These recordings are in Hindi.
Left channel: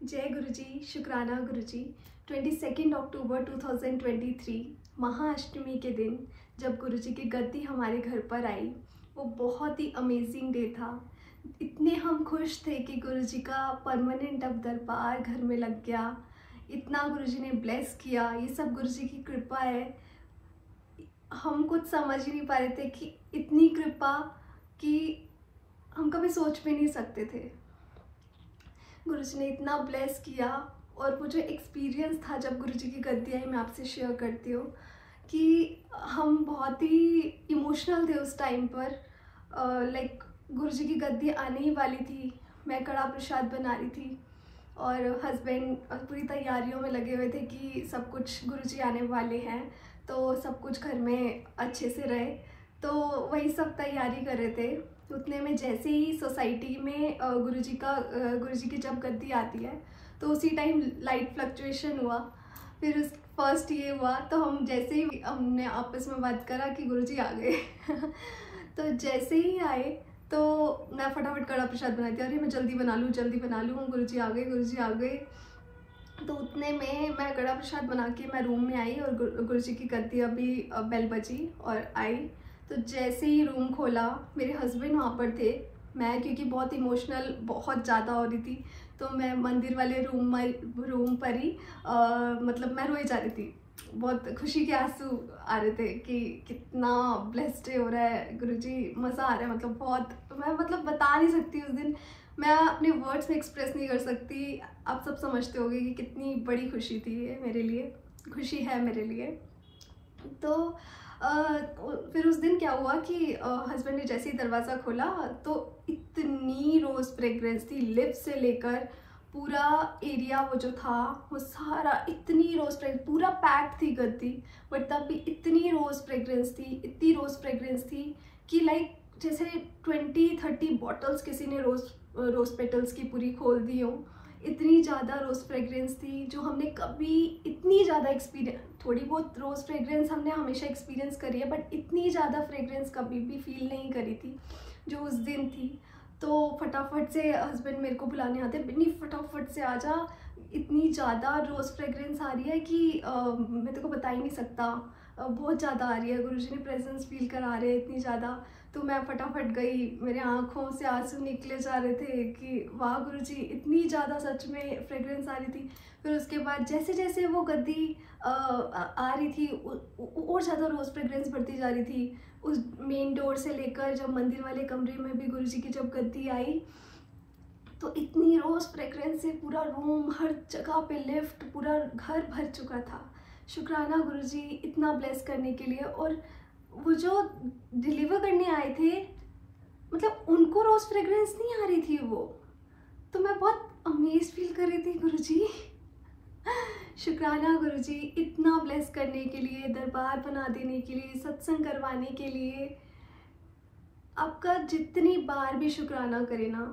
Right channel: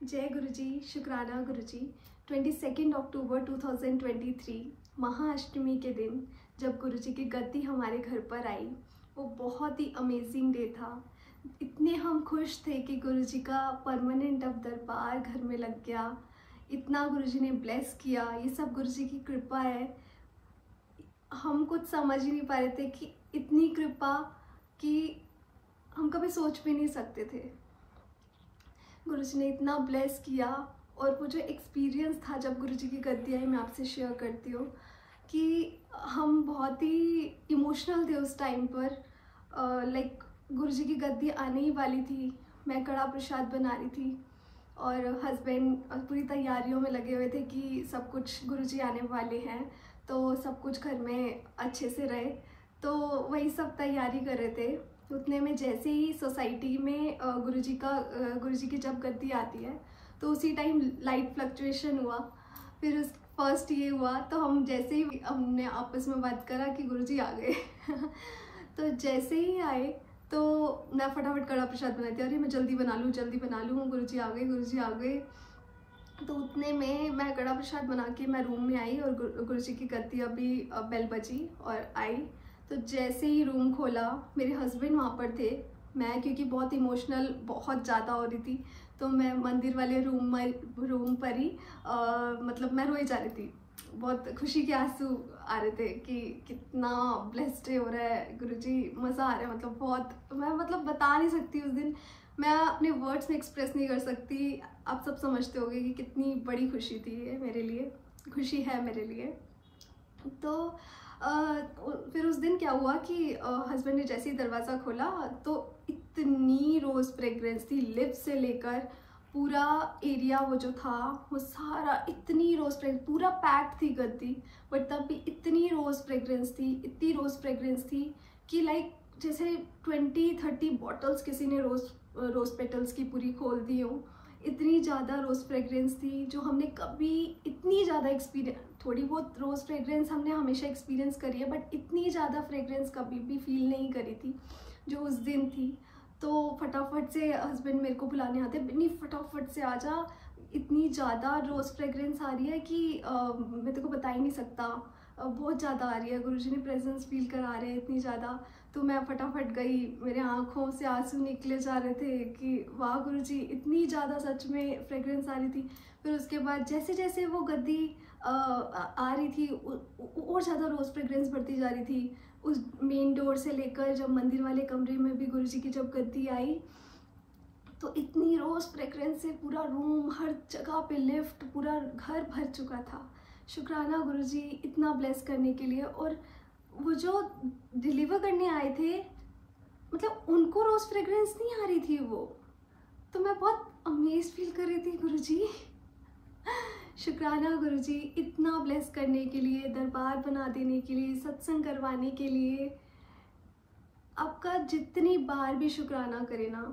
जय गुरु जी, शुक्राना गुरु जी। 22 अक्टूबर 2023 महाअष्टमी के दिन जब गुरु जी की गद्दी हमारे घर पर आई, वो बहुत ही अमेजिंग डे था। इतने हम खुश थे कि गुरु जी का परमानेंट अब दरबार घर में लग गया। इतना गुरु जी ने ब्लेस किया, ये सब गुरु जी की कृपा है। हम कुछ समझ ही नहीं पा रहे थे कि इतनी कृपा कि हम कभी सोच भी नहीं सकते थे। गुरुजी ने इतना ब्लेस किया। और वो जो एक्सपीरियंस था जब गुरुजी की गद्दी आई, मैं आपसे शेयर करती हूँ कि हम बहुत ही इमोशनल थे उस टाइम पर। लाइक गुरुजी की गद्दी आने ही वाली थी, मैं कड़ा प्रसाद बना रही थी और हस्बैंड पूरी तैयारियों में लगे हुए थे कि सब कुछ गुरुजी आने वाले हैं तो सब कुछ घर में अच्छे से रहे, तो वही सब तैयारी कर रहे थे। उतने में जैसे ही सोसाइटी में गुरुजी की जब गद्दी आती है तो उसी टाइम लाइट फ्लक्चुएशन हुआ। फिर उस फर्स्ट ये हुआ तो हम जैसे ही हमने आपस में बात करा कि गुरुजी आ गए तो जैसे ही आए तो मैं फटाफट कड़ा प्रसाद बनाती थी, अरे मैं जल्दी बना लूँ, गुरुजी आ गए। तो उतने में मैं कड़ा प्रसाद बना के मैं रूम में आई और गुरुजी की गद्दी अभी बेल बजी और आई। तो जैसे ही रूम खोला, मेरे हस्बैंड वहाँ पर थे। मैं क्योंकि बहुत इमोशनल बहुत ज़्यादा हो रही थी तो मैं मंदिर वाले रूम पर ही मतलब मैं रोई जा रही थी। बहुत खुशी के आंसू आ रहे थे कि कितना ब्लेस्ड हो रहा है गुरुजी, मज़ा आ रहा है। मतलब बहुत, मैं मतलब बता नहीं सकती उस दिन, मैं अपने वर्ड्स में एक्सप्रेस नहीं कर सकती। आप सब समझते होंगे कि कितनी बड़ी खुशी थी ये मेरे लिए, खुशी है मेरे लिए। तो फिर उस दिन क्या हुआ कि हस्बैंड ने जैसे ही दरवाज़ा खोला तो इतनी रोज़ फ्रेग्रेंस थी, लिप्स से लेकर पूरा एरिया वो जो था वो सारा इतनी रोज़ फ्रेग्रेंस, पूरा पैक थी गद्दी, बट तब भी इतनी रोज़ फ्रेग्रेंस थी कि लाइक जैसे 20-30 बॉटल्स किसी ने रोज़ पेटल्स की पूरी खोल दी हो। इतनी ज़्यादा रोज़ फ्रेग्रेंस थी जो हमने कभी इतनी ज़्यादा एक्सपीरियंस, थोड़ी बहुत रोज़ फ्रेग्रेंस हमने हमेशा एक्सपीरियंस करी है बट इतनी ज़्यादा फ्रेग्रेंस कभी भी फील नहीं करी थी जो उस दिन थी। तो फटाफट से हस्बैंड मेरे को बुलाने आते, बिन्नी फटाफट से आ जा, इतनी ज़्यादा रोज़ फ्रेग्रेंस आ रही है कि मैं तेरे को बता ही नहीं सकता, बहुत ज़्यादा आ रही है, गुरुजी ने प्रेजेंस फील करा रहे हैं इतनी ज़्यादा। तो मैं फटाफट गई, मेरे आँखों से आंसू निकले जा रहे थे कि वाह गुरुजी, इतनी ज़्यादा सच में फ्रेग्रेंस आ रही थी। फिर उसके बाद जैसे जैसे वो गद्दी आ रही थी और ज़्यादा रोज़ फ्रेग्रेंस बढ़ती जा रही थी। उस मेन डोर से लेकर जब मंदिर वाले कमरे में भी गुरुजी की जब गद्दी आई तो इतनी रोज़ फ्रेग्रेंस से पूरा रूम, हर जगह पे लिफ्ट, पूरा घर भर चुका था। शुक्राना गुरुजी इतना ब्लेस करने के लिए। और वो जो डिलीवर करने आए थे, मतलब उनको रोज़ फ्रेग्रेंस नहीं आ रही थी वो, तो मैं बहुत अमेज फील कर रही थी। गुरुजी शुक्राना गुरुजी, इतना ब्लेस करने के लिए, दरबार बना देने के लिए, सत्संग करवाने के लिए। आपका जितनी बार भी शुक्राना करे ना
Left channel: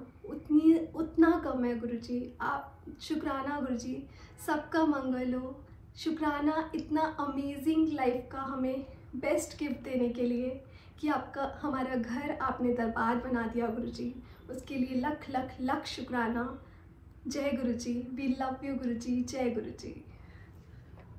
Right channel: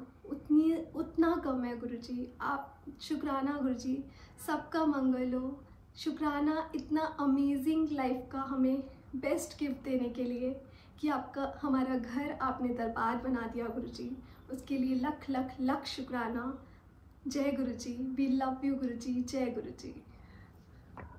उतना कम है गुरुजी। आप शुक्राना गुरुजी, सबका मंगल हो। शुक्राना इतना अमेजिंग लाइफ का हमें बेस्ट गिफ्ट देने के लिए कि आपका हमारा घर आपने दरबार बना दिया गुरुजी, उसके लिए लख लख लख शुक्राना। जय गुरुजी, वी लव यू गुरुजी, जय गुरुजी।